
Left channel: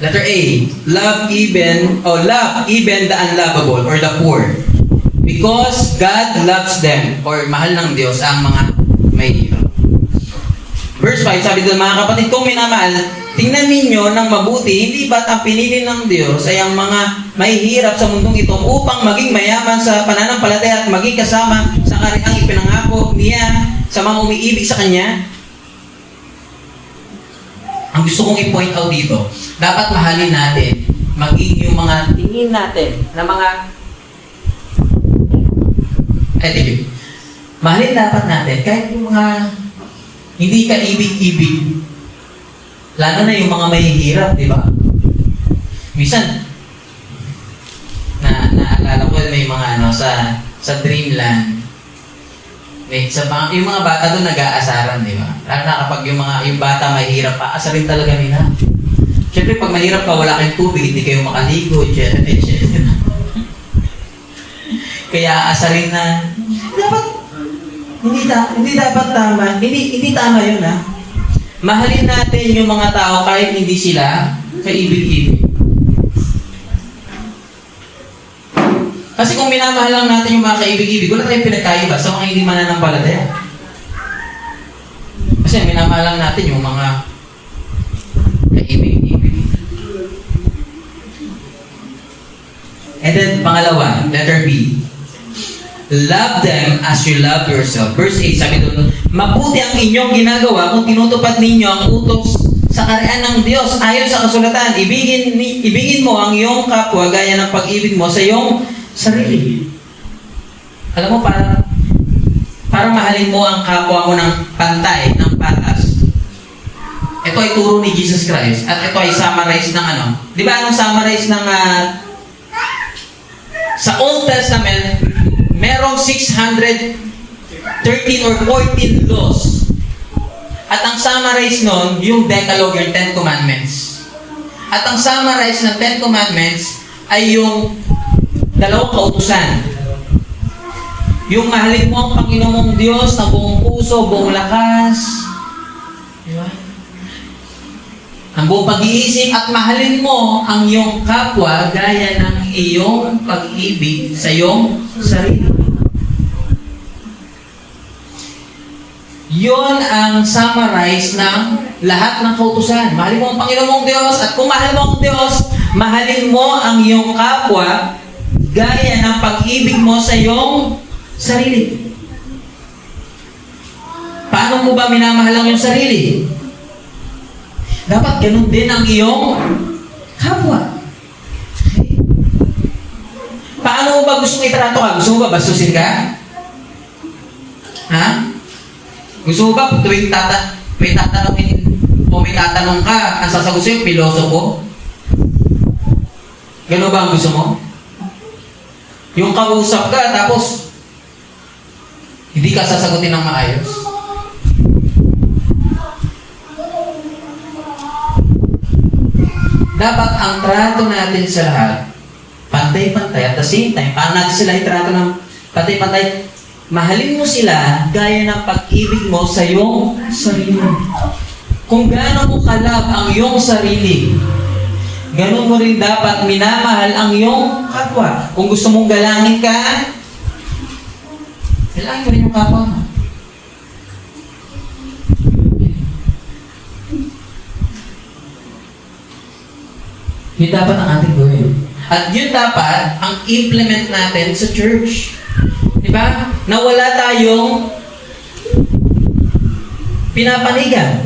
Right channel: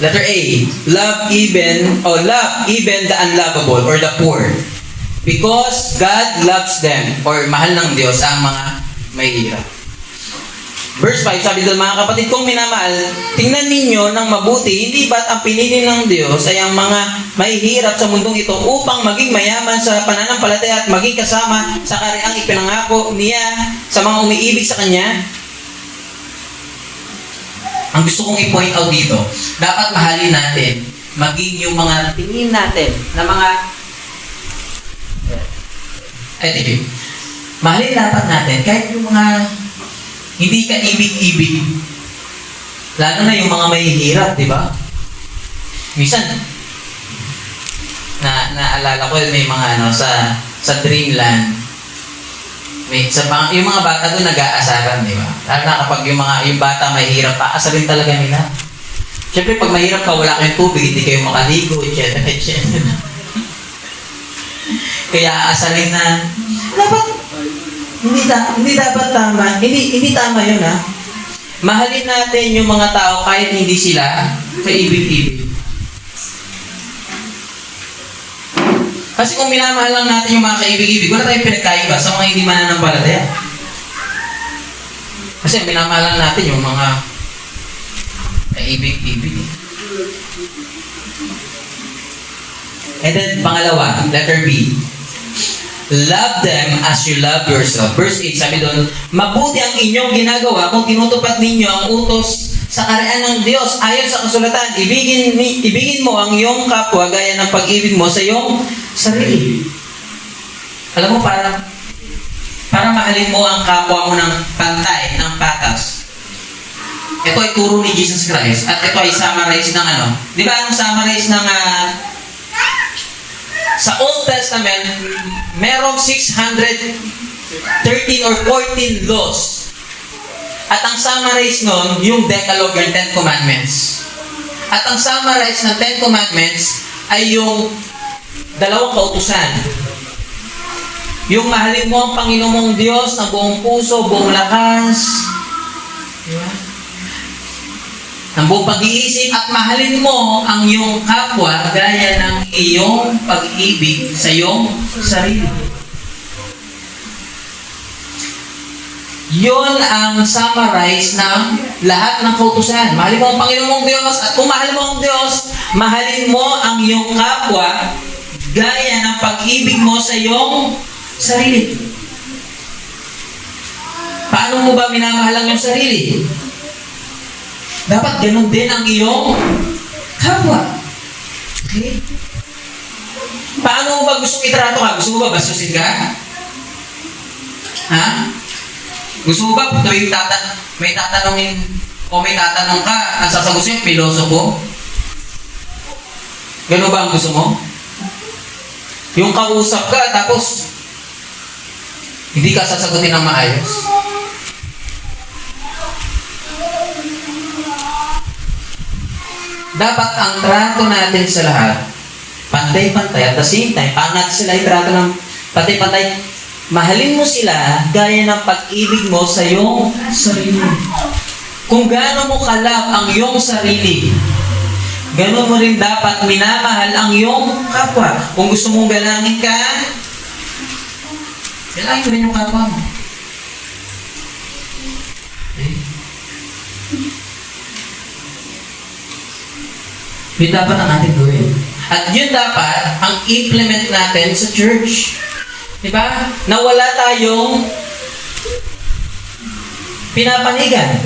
Letter A, love even the unlovable or the poor. Because God loves them, or mahal ng Diyos ang mga mahihirap. Verse 5, sabi doon, mga kapatid kong minamahal, tingnan ninyo ng mabuti, hindi ba't ang pinili ng Diyos ay ang mga mahihirap sa mundong ito upang maging mayaman sa pananampalataya at maging kasama sa kariang ipinangako niya sa mga umiibig sa Kanya? Ang gusto kong i-point out dito, dapat mahalin natin, maging yung mga tingin natin na mga mahalin dapat natin kahit yung mga hindi ka ibig-ibig. Lalo na yung mga mahihirap, di ba? Minsan, naalala ko may mga sa Dreamland. Yung mga bata doon nag-aasaran, di ba? Lalo na kapag yung bata mahihirap, aasarin talaga nila. Siyempre, pag mahirap ka, wala kayong tubig, hindi kayo makaligo, etc. Kaya aasarin na, dapat hindi dapat tama. Hindi tama yun, ha? Mahalin natin yung mga tao kahit hindi sila kaibig-ibig. Kasi kung minamahal lang natin yung mga kaibig-ibig, wala tayong pinagkaiba sa mga hindi mananampalataya. Kasi minamahal lang natin yung mga kaibig-ibig. And then, pangalawa, letter B. Love them as you love yourself. Verse 8, sabi doon, mabuti ang inyong ginagawa kung tinutupad ninyo ang utos sa karian ng Diyos. Ayon sa kasulatan, ibigin mo ang iyong kapwa gaya ng pag-ibig mo sa iyong sarili. Alam mo, para mahalin mo ang kapwa mo ng pantay, ng patas. Ito ay turo ni Jesus Christ. At ito ay summarize ng Di ba anong summarize ng sa Old Testament, merong 613 or 14 laws. At ang summarize nun, yung Decalogue, yung 10 Commandments. At ang summarize ng 10 Commandments ay yung dalawang kautusan. Yung mahalin mo ang Panginoon mong Diyos na buong puso, buong lakas, di ba? Ang buong pag-iisip at mahalin mo ang iyong kapwa gaya ng iyong pag-ibig sa iyong sarili. Yon ang summarize ng lahat ng kautusan. Mahalin mo ang Panginoon mong Diyos at kung mahal mo ang Diyos, mahalin mo ang iyong kapwa gaya ng pag-ibig mo sa iyong sarili. Paano mo ba minamahal ang iyong sarili? Dapat ganun din ang iyong kapwa. Okay? Paano mo ba gustong itrato ka? Gusto mo ba bastusin ka? Ha? Gusto mo ba tuwing may tatanungin o may tatanong ka, ang sasagot sa'yo, pilosopo? Ganun ba ang gusto mo? Yung kausap ka, tapos hindi ka sasagutin ng maayos? Dapat ang trato natin sa lahat, pantay-pantay. At the same time, paano natin sila itrato ng pantay-pantay? Mahalin mo sila gaya ng pag-ibig mo sa iyong sarili. Kung gaano mo kalab ang iyong sarili, gano'n mo rin dapat minamahal ang iyong kapwa. Kung gusto mong galangin ka, galangin mo rin yung kapwa mo. Yun dapat ang ating gawin. At yun dapat ang implement natin sa church. Diba? Na wala tayong pinapanigan.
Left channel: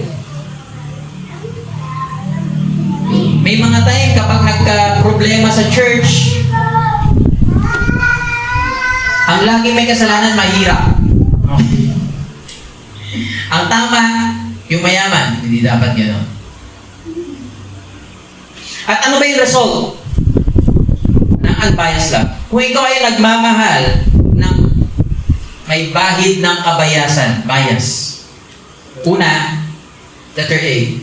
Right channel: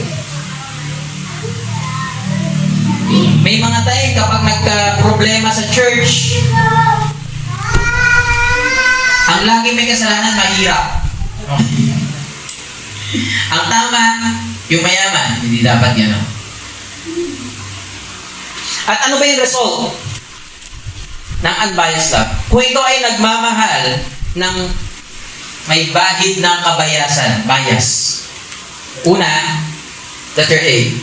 May mga tayo kapag nagka-problema sa church, ang lagi may kasalanan, mahirap. Ang tama, yung mayaman. Hindi dapat yan. At ano ba yung result ng unbiased love? Kung ikaw ay nagmamahal ng may bahid ng kabayasan, bias. Una, letter A,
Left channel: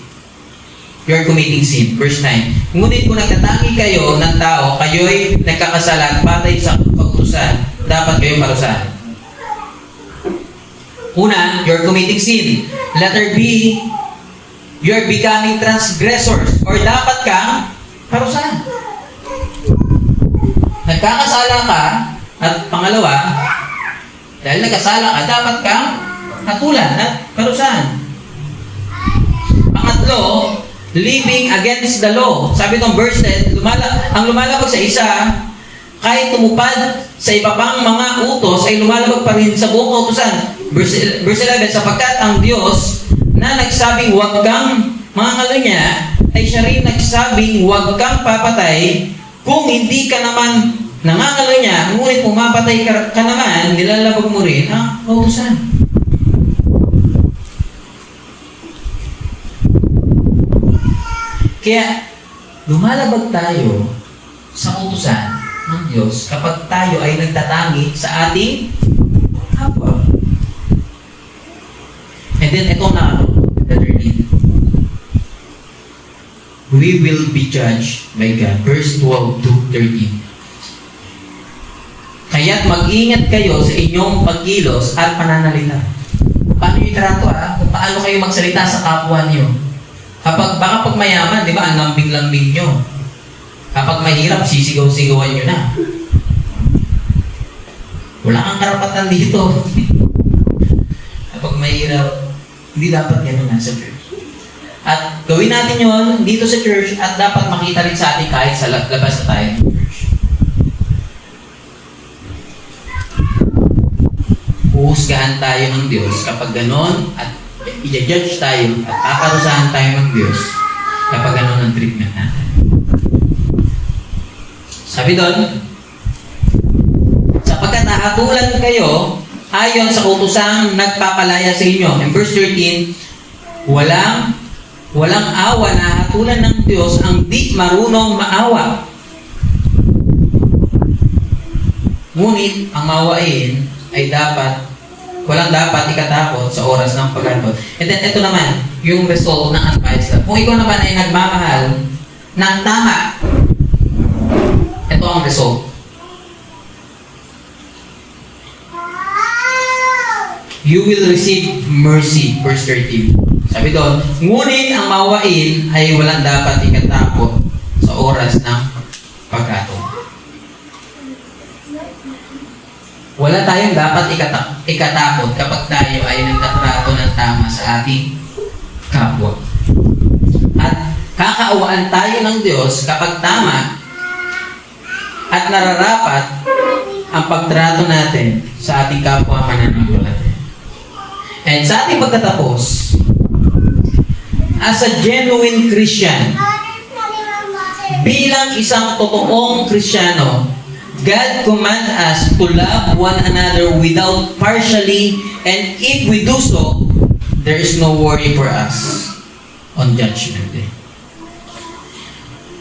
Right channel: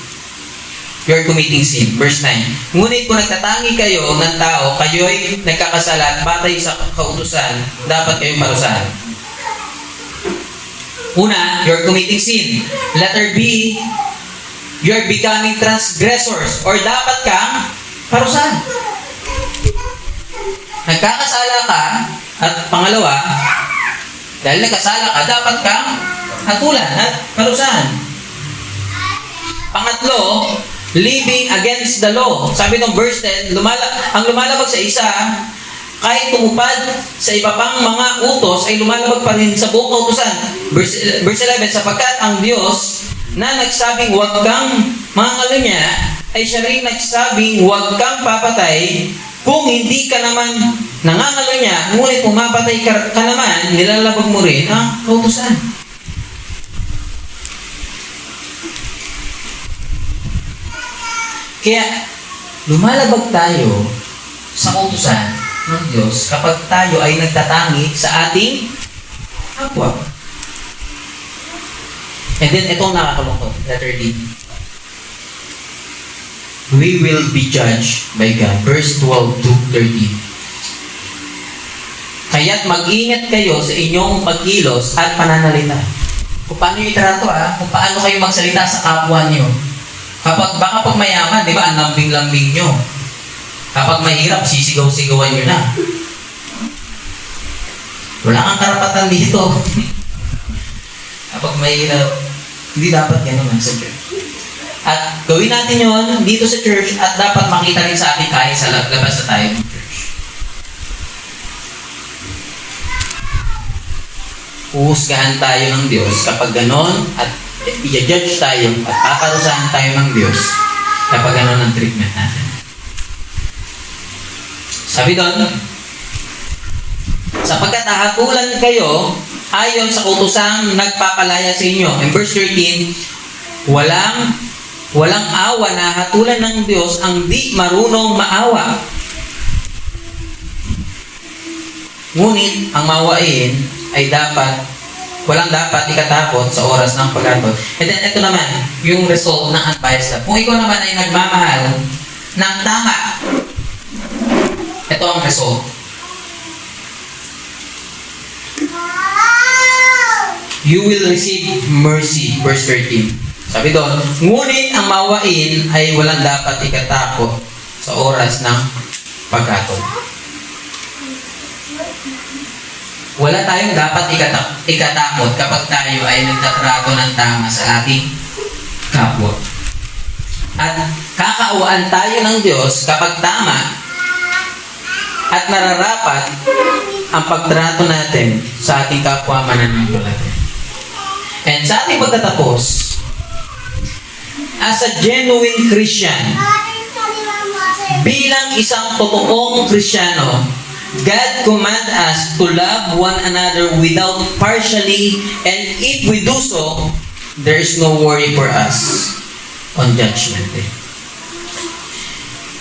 you're committing sin. Verse 9. Ngunit kung nagtatangi kayo ng tao, kayo'y nagkakasala at patay sa kautusan, dapat kayo parusahan. Una, you're committing sin. Letter B, you're becoming transgressors or dapat kang parusahan. Nagkakasala ka at pangalawa, dahil nagkasala ka, dapat kang hatulan at parusahan. Pangatlo, living against the law. Sabi ng verse 10, ang lumalabag sa isa, kahit tumupad sa iba pang mga utos, ay lumalabag pa rin sa buong kautusan. Verse 11, sapagkat ang Diyos na nagsabing huwag kang mangangalo niya, ay siya rin nagsabing huwag kang papatay, kung hindi ka naman nangangalo niya, ngunit pumapatay ka naman, nilalabag mo rin ang kautusan. Kaya, lumalabag tayo sa kautusan ng Diyos kapag tayo ay nagtatangi sa ating kapwa. And then, ito ang nakakalungkot. Letter D. We will be judged by God. Verse 12 to 13. Kaya't mag-ingat kayo sa inyong pagkilos at pananalita. Kung paano yung trato kung paano kayo magsalita sa kapwa niyo. Baka pag mayaman, di ba, ang lambing-lambing nyo. Kapag mahirap, sisigaw-sigawan nyo na. Wala kang karapatan dito. Kapag mahirap, hindi dapat gano'n sa church. At gawin natin yon dito sa church at dapat makita rin sa atin kahit sa labas na tayo ng church. Uhusgahan tayo ng Diyos kapag gano'n at i-judge tayo at paparusahan tayo ng Diyos kapag gano'n ang treatment natin. Sabi doon, sapagkat nahatulan kayo ayon sa kautusang nagpapalaya sa inyo. In verse 13, walang awa na hatulan ng Diyos ang di marunong maawa. Ngunit ang maawain ay walang dapat ikatakot sa oras ng pagkatod. And then, ito naman, yung result ng unbiased love. Kung ikaw naman ay nagmamahal ng tama, ito ang result. You will receive mercy. Verse 13. Sabi doon, ngunit ang maawain ay walang dapat ikatakot sa oras ng pagkatod. Wala tayong dapat ikatakot kapag tayo ay nagtatrato ng tama sa ating kapwa. At kakaawaan tayo ng Diyos kapag tama at nararapat ang pagtrato natin sa ating kapwa mananampalataya. And sa ating pagtatapos, as a genuine Christian, bilang isang totoong Kristiyano, God command us to love one another without partially, and if we do so, there is no worry for us on judgment day.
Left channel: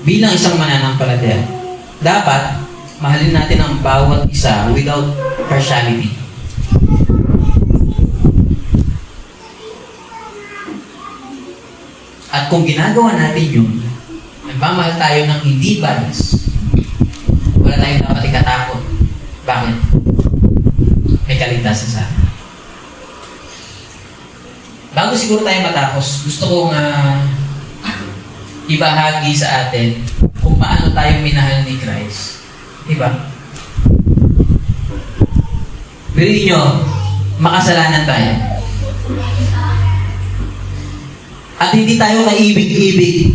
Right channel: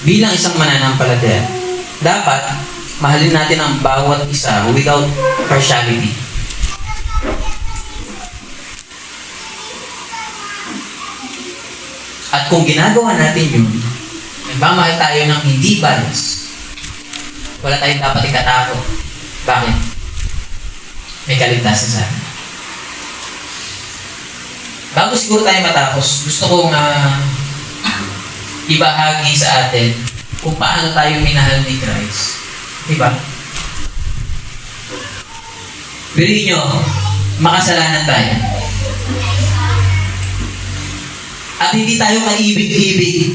Bilang isang mananampalataya, dapat mahalin natin ang bawat isa without partiality. At kung ginagawa natin yun, nagmamahal tayo ng hindi bias, wala tayong dapat ikatakot. Bakit? May kaligtasan sa atin. Bago siguro tayo matapos, gusto kong ibahagi sa atin kung paano tayo minahal ni Christ. Diba? Piliin nyo, makasalanan tayo. At hindi tayo kaibig-ibig.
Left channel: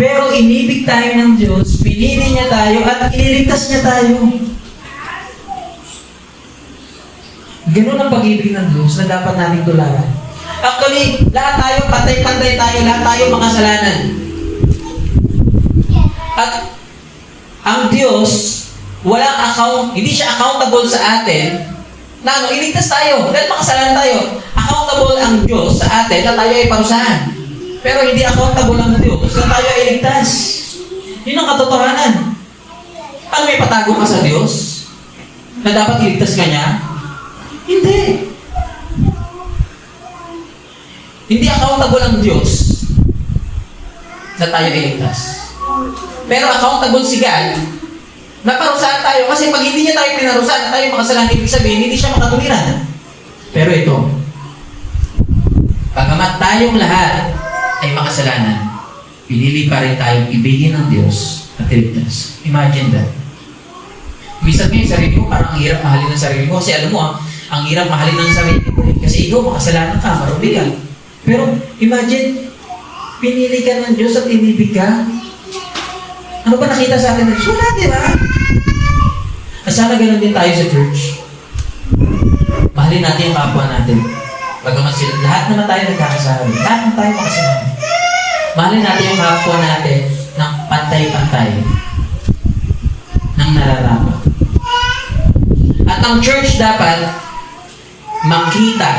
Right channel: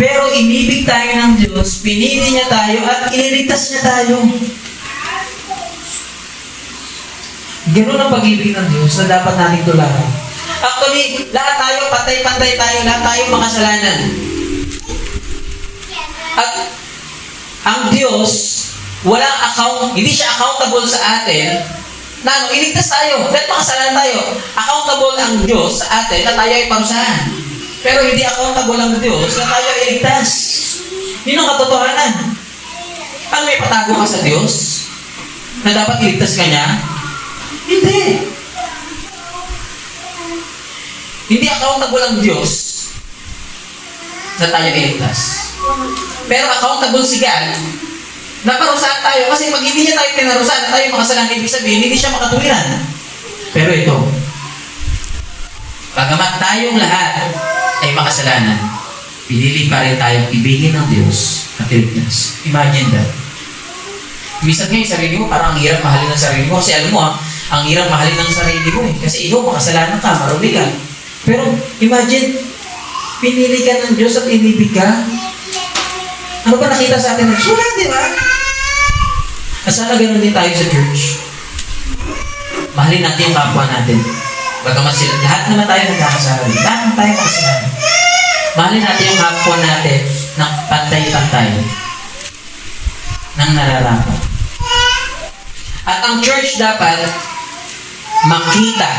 Pero inibig tayo ng Diyos, pinili niya tayo, at iniligtas niya tayo. Ganun ang pag-ibig ng Diyos na dapat natin tularan. Actually, lahat tayo, pantay-pantay tayo, lahat tayo makasalanan. At ang Diyos, walang hindi siya accountable sa atin na iligtas tayo, dahil makasalanan tayo. Accountable ang Diyos sa atin na tayo ay parusahan. Pero hindi accountable ang Diyos na tayo ay iligtas. Yun ang katotohanan. Ano, may patago ka sa Diyos na dapat iligtas ka niya? Hindi. Hindi accountable ang Diyos na tayo iligtas. Pero accountable si God na parusahan tayo, kasi pag hindi niya tayo pinarusahan, tayo makasalanan, ibig sabihin, hindi siya makatuwiran. Pero ito, bagamat tayong lahat ay makasalanan, pinili pa rin tayong ibigin ng Diyos at iligtas. Imagine that. Minsan ngayon, sarili mo, parang ang hirap mahalin ng sarili mo. Kasi alam mo, ang hirap mahalin ng sarili mo eh. Kasi ikaw, makasalanan ka, marumi ka. Pero imagine, pinili ka ng Diyos at inibig ka. Ano ba nakita sa atin? Wala, di ba? At sana ganoon din tayo sa church. Mahalin natin yung kapwa natin. Bagamat sila, lahat naman tayo nagkakasalanan. Lahat naman tayo makasalanan. Mahalin natin yung kapwa natin ng pantay-pantay. Nang nararapat. At ang church dapat makita.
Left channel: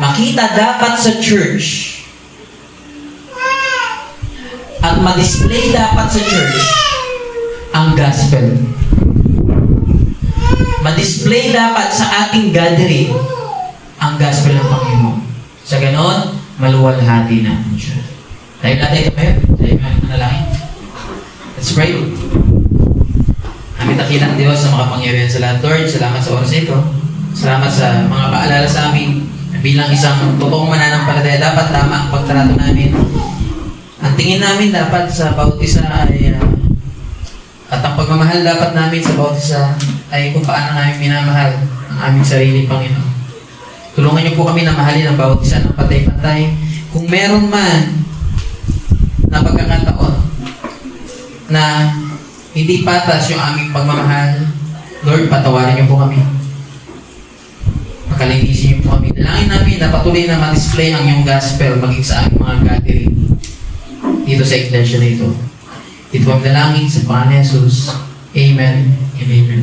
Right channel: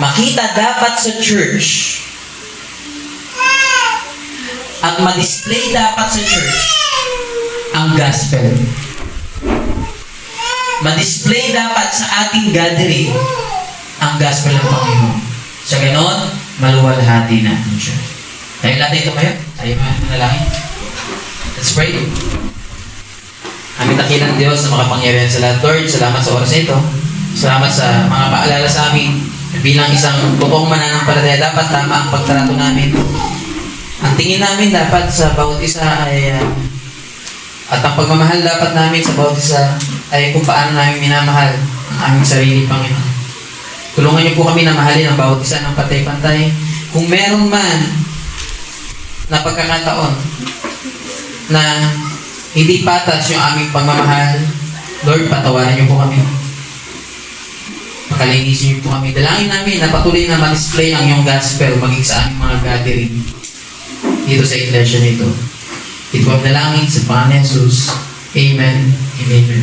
Makita dapat sa church. At ma-display dapat sa church ang gospel. Ma-display dapat sa ating gathering ang gospel ng Panginoon. Sa ganon, maluwalhati natin siya. Dahil natin tumayo, tayo manalangin. Let's pray. Aming dakilang Diyos na makapangyarihan sa lahat. Lord, salamat sa oras ito. Salamat sa mga paalala sa amin. Bilang isang totoong mananampalataya, dapat tama ang pagtrato namin. Ang tingin namin dapat sa bawat isa ay at ang pagmamahal dapat namin sa bawat isa ay kung paano namin minamahal ang aming sarili, Panginoon. Tulungan niyo po kami na mahalin ang bawat isa ng pantay-pantay. Kung meron man na pagkakataon na hindi patas yung aming pagmamahal, Lord, patawarin niyo po kami. Makalinisin niyo po kami. Dalangin namin na patuloy na ma-display ang iyong gospel maging sa aming mga gathering dito sa iglesia nito. Ito ang dalangin sa Panginoon Jesus. Amen. Amen.